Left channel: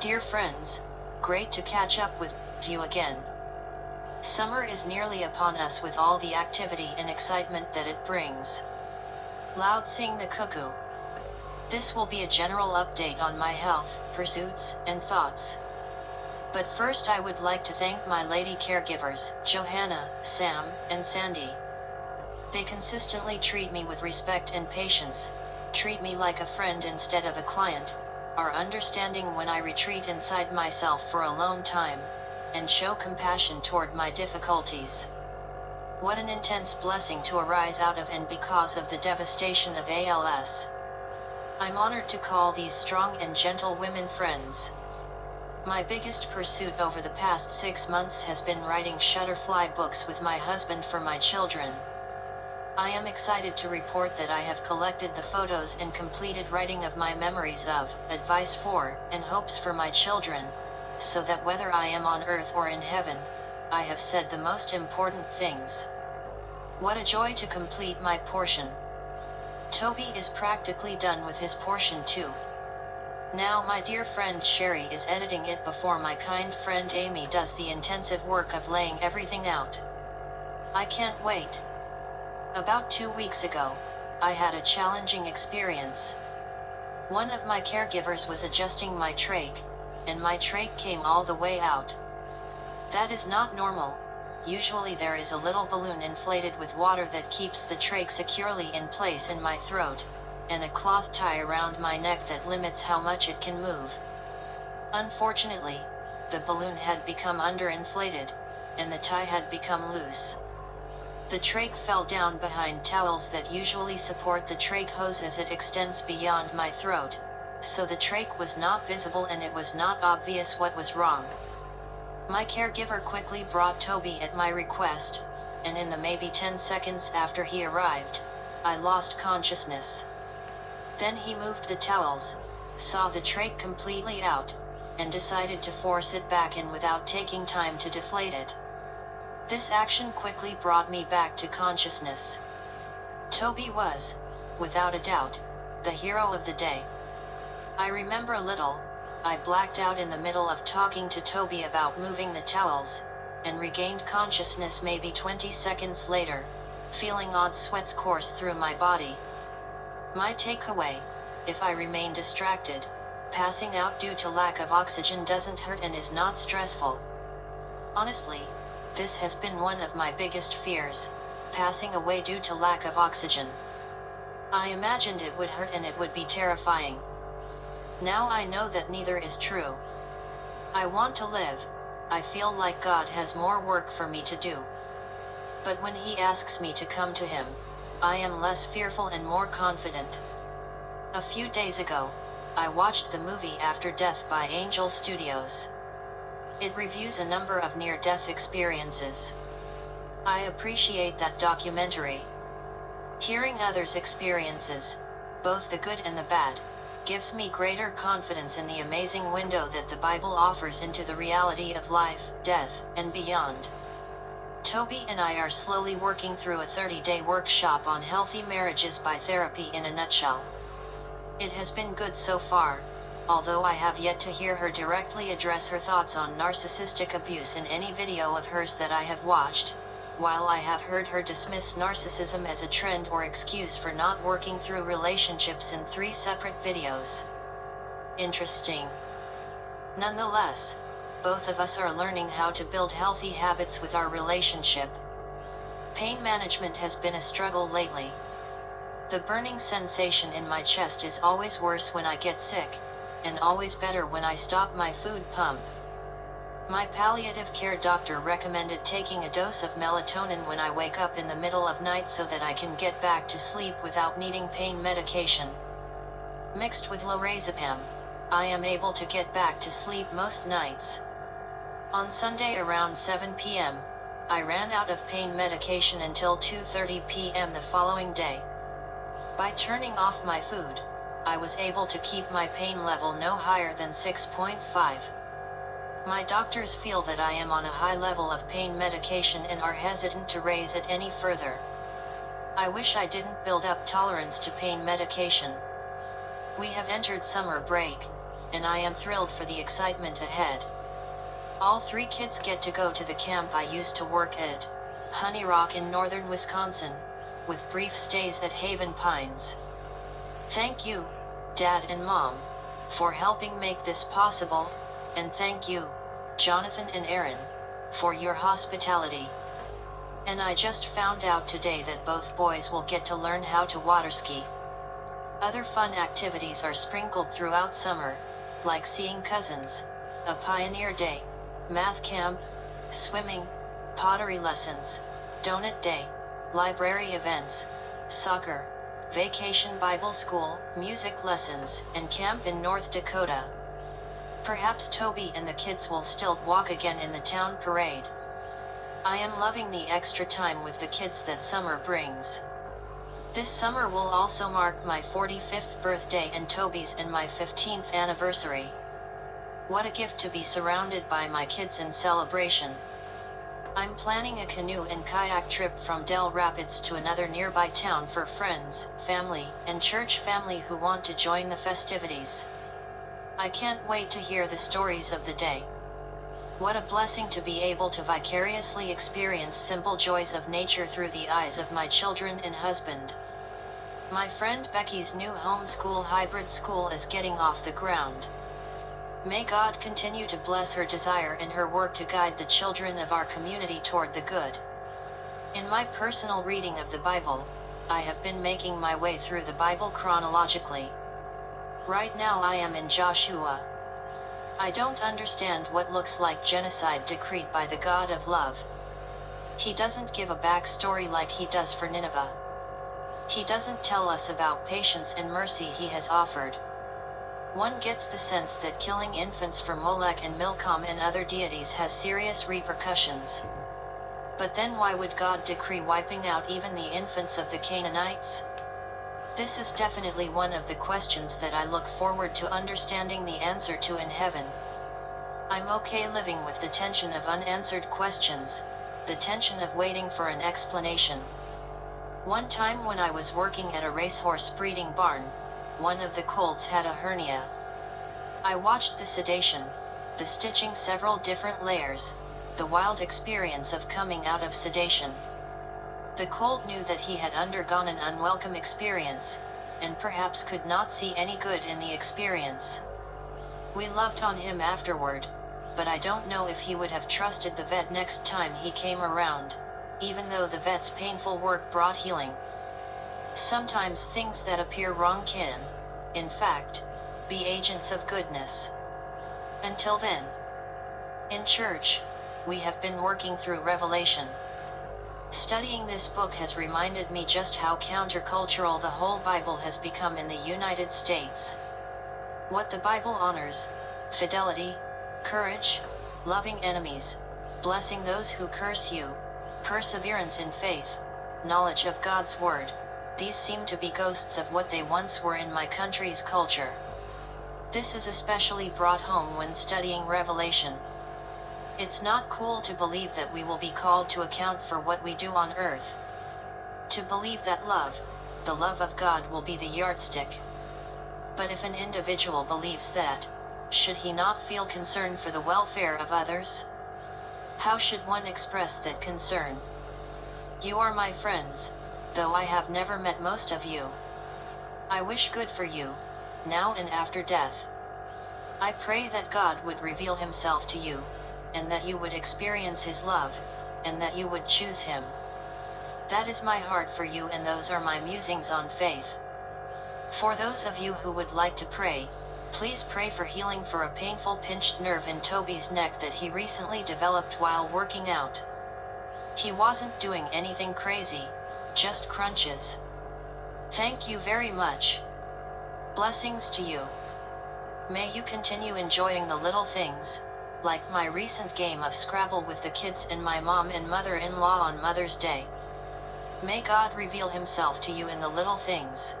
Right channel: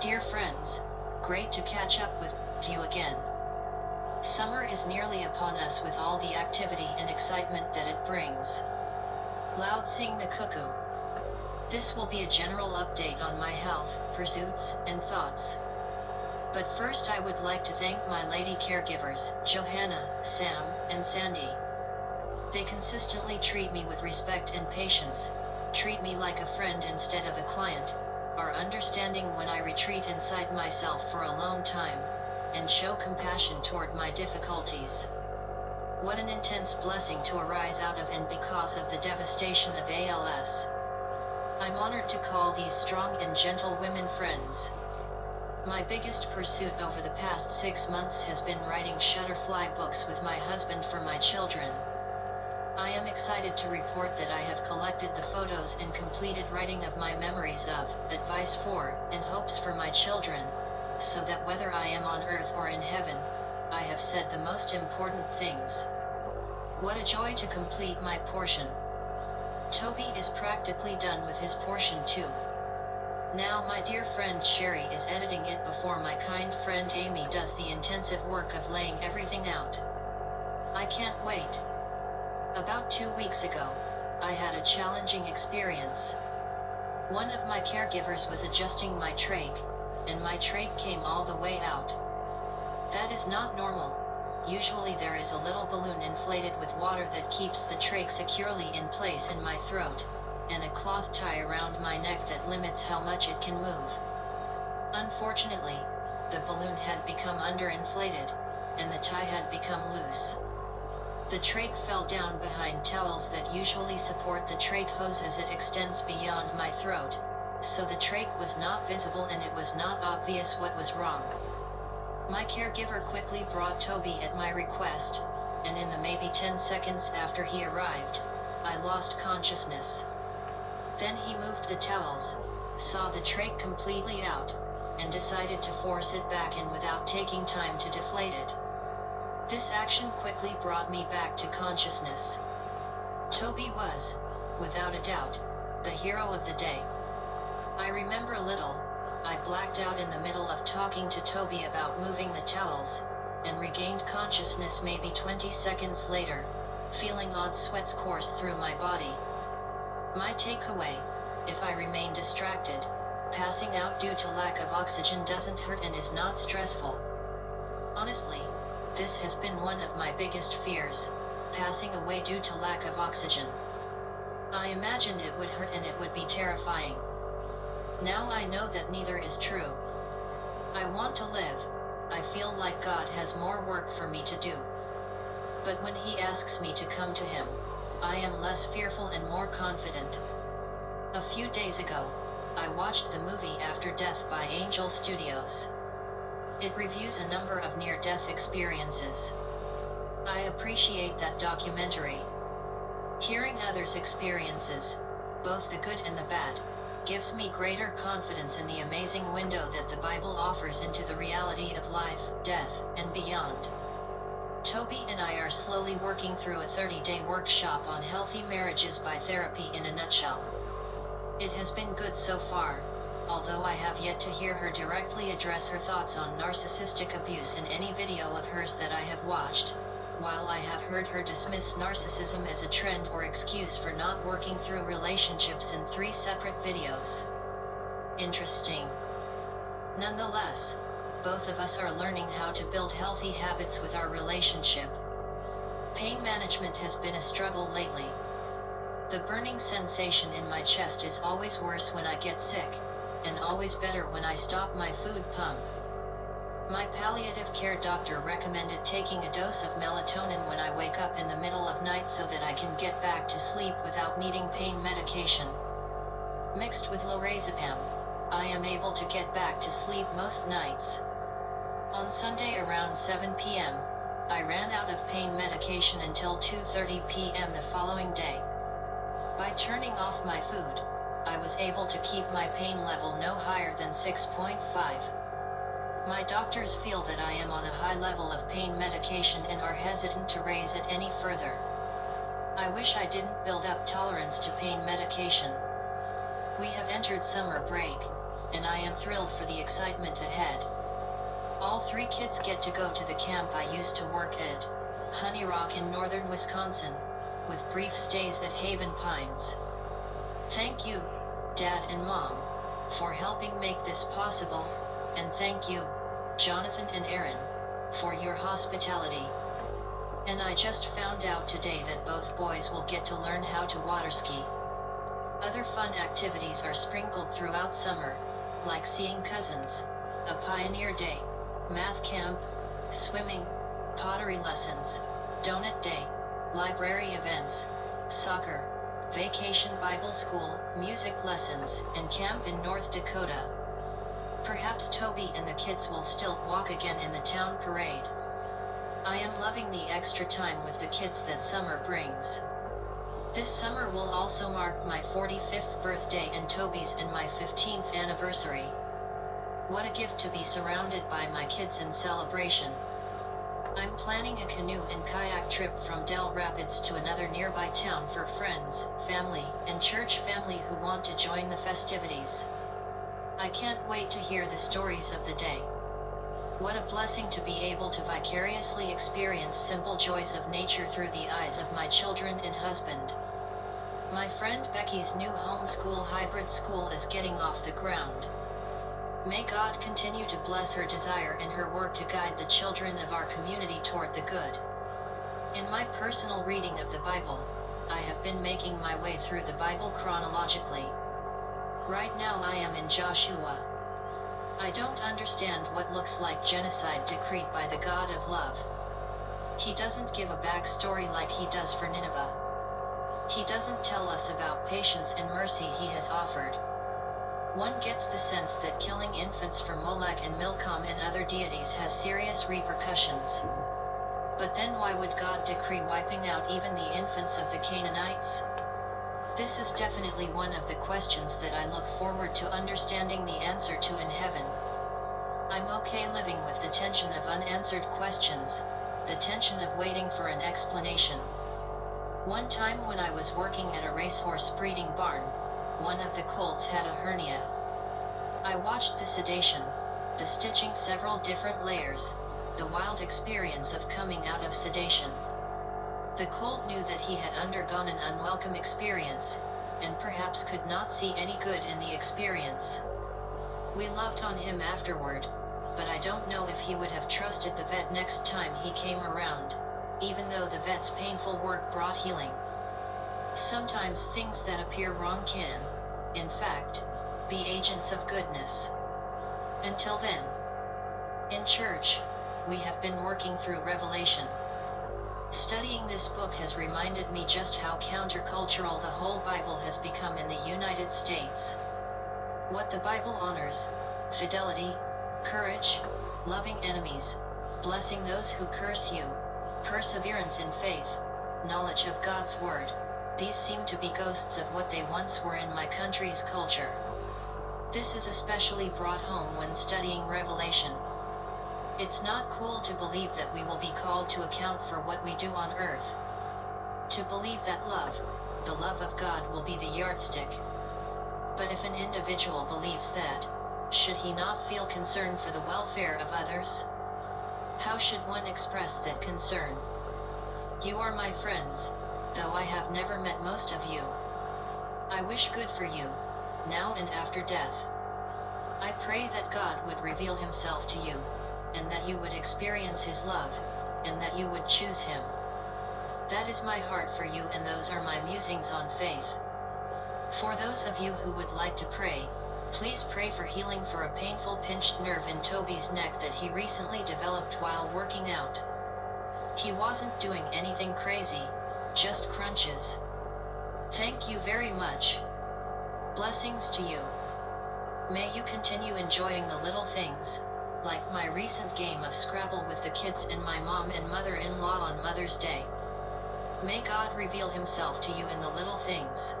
Dear friends, great to catch up with you again. Summer is nearly upon us with all the activity and excitement that it brings. Loud sing the cuckoo. This will be a general update on my health, pursuits, and thoughts. But first I would like to thank my lady caregivers, Johanna, Sam, and Sandy. They consistently treat me with respect and patience, treat me like a friend instead of a client, are understanding when I retreat inside myself for a lone time, and show compassion toward my difficulties. What an intense blessing to arise out of and because of the devastation of ALS. I'm honored to call these strong and gentle women friends. My biggest pursuit over the past 6 months has been writing Shutterfly books with my husband for my children. I am excited to report that I have collected the photos and completed writing of my memories of, advice for, and hopes for my children, so that whether I am on earth or in heaven, I have said the most important things. What a joy to complete my portion. Toby is practically done with his portion too. Now my dear friend Sherry is editing it before my kind friend Amy does the intensive work of laying everything out. I can't wait. About 2 weeks ago, I had a challenging experience. One of my caregivers was adjusting my trach, and my trach came all the way out. That is not normal. Usually there is a little balloon inflated with water that keeps the trach securely in place in my throat, and a cloth tie around my neck that limits how much it can move. Unfortunately, the balloon had become underinflated, and the tie had become loose. The trach fell down behind towels that usually support the trach hose as it extends beyond my throat, so the trach was not visible and it was not obvious what was wrong. My caregiver quickly brought Toby at my request, and in the maybe 10 seconds after he arrived, I lost consciousness. Then he moved the towels, saw the trach completely out, and decided to force it back in without taking time to deflate it. This action quickly brought me back to consciousness. Toby was, without a doubt, the hero of the day. I remember little. I blacked out in the middle of talking to Toby about moving the towels, and regained consciousness maybe 20 seconds later, feeling odd sweats course through my body. My takeaway: if I remain distracted, passing out due to lack of oxygen doesn't hurt and is not stressful. Honestly, this has been one of my biggest fears, passing away due to lack of oxygen. I imagined it would hurt and it would be terrifying. Now I know that neither is true. I want to live. I feel like God has more work for me to do. But when He asks me to come to Him, I am less fearful and more confident. A few days ago, I watched the movie After Death by Angel Studios. It reviews a number of near-death experiences. I appreciate that documentary. Hearing others' experiences, both the good and the bad, gives me greater confidence in the amazing window that the Bible offers into the reality of life, death, and beyond. Toby and I are slowly working through a 30-day workshop on healthy marriages by therapy in a nutshell. It has been good so far, although I have yet to hear her directly address her thoughts on narcissistic abuse in any video of hers that I have watched, while I have heard her dismiss narcissism as a trend or excuse for not working through relationships in 3 separate videos. Interesting. Nonetheless, both of us are learning how to build healthy habits with our relationship. Pain management has been a struggle lately. The burning sensation in my chest is always worse when I get sick, and always better when I stop my food pump. My palliative care doctor recommended taking a dose of melatonin when I wake up in the middle of night so that I can get back to sleep without needing pain medication. Mixed with lorazepam, I am able to get back to sleep most nights. On Sunday around 7 p.m., I ran out of pain medication until 2:30 p.m. the following day. By turning off my food, I was able to keep my pain level no higher than 6.5. My doctors feel that I am on a high level of pain medication and are hesitant to raise it any further. I wish I didn't build up tolerance to pain medication. We have entered summer break. and I am thrilled for the excitement ahead. All 3 kids get to go to the camp I used to work at, Honey Rock in northern Wisconsin, with brief stays at Haven Pines. Thank you, Dad and Mom, for helping make this possible, and thank you, Jonathan and Aaron, for your hospitality. And I just found out today that both boys will get to learn how to water ski. Other fun activities are sprinkled throughout summer, like seeing cousins, a pioneer day, math camp, swimming, pottery lessons, donut day, library events, soccer, vacation Bible school, music lessons, and camp in North Dakota. Perhaps Toby and the kids will still walk again in the town parade. I am loving the extra time with the kids that summer brings. This summer will also mark my 45th birthday and Toby's and my 15th anniversary. What a gift to be surrounded by my kids in celebration. I'm planning a canoe and kayak trip from Del Rapids to another nearby town for friends, family, and church family who want to join the festivities. I can't wait to hear the stories of the day. What a blessing to be able to vicariously experience simple joys of nature through the eyes of my children and husband. My friend Becky's new homeschool hybrid school is getting off the ground. May God continue to bless her desire and her work to guide the children of our community toward the good. In my personal reading of the Bible, I have been making my way through the Bible chronologically. Right now I am in Joshua. I don't understand what looks like genocide decreed by the God of love. He doesn't give a backstory like he does for Nineveh. He doesn't tell us about patience and mercy he has offered. One gets the sense that killing infants for Molech and Milcom and other deities has serious repercussions. But then why would God decree wiping out even the infants of the Canaanites? This is definitely one of the questions that I look forward to understanding the answer to in heaven. I'm okay living with the tension of unanswered questions, the tension of waiting for an explanation. One time when I was working at a racehorse breeding barn, one of the colts had a hernia. I watched the sedation, the stitching several different layers, the wild experience of coming out of sedation. The colt knew that he had undergone an unwelcome experience, and perhaps could not see any good in the experience. We loved on him afterward, but I don't know if he would have trusted the vet next time he came around, even though the vet's painful work brought healing. Sometimes things that appear wrong can, in fact, be agents of goodness. Until then, in church, we have been working through Revelation. Studying this book has reminded me just how countercultural the whole Bible has become in the United States. What the Bible honors: fidelity, courage, loving enemies, blessing those who curse you, perseverance in faith, knowledge of God's Word. These seem to be ghosts of what they once were in my country's culture. This is especially brought home when studying Revelation. It's not cool to believe that we will be called to account for what we do on earth. To believe that love, the love of God, will be the yardstick. But if an individual believes that, should he not feel concern for the welfare of others? How should one express that concern? You are my friends, though I have never met most of you. I wish good for you, now and after death. I pray that God would reveal himself to you, and that you would experience his love, and that you would choose him. That is my heart for you, and those are my musings on faith. For those of you who would like to pray, please pray for healing for a painful pinched nerve in Toby's neck that he recently developed while working out. He wasn't doing anything crazy, just crunches. Thank you very much. Blessings to you. May you continue enjoying the little things, like my recent game of Scrabble with the kids and my mom and mother-in-law on Mother's Day. May God reveal himself to you in the little things.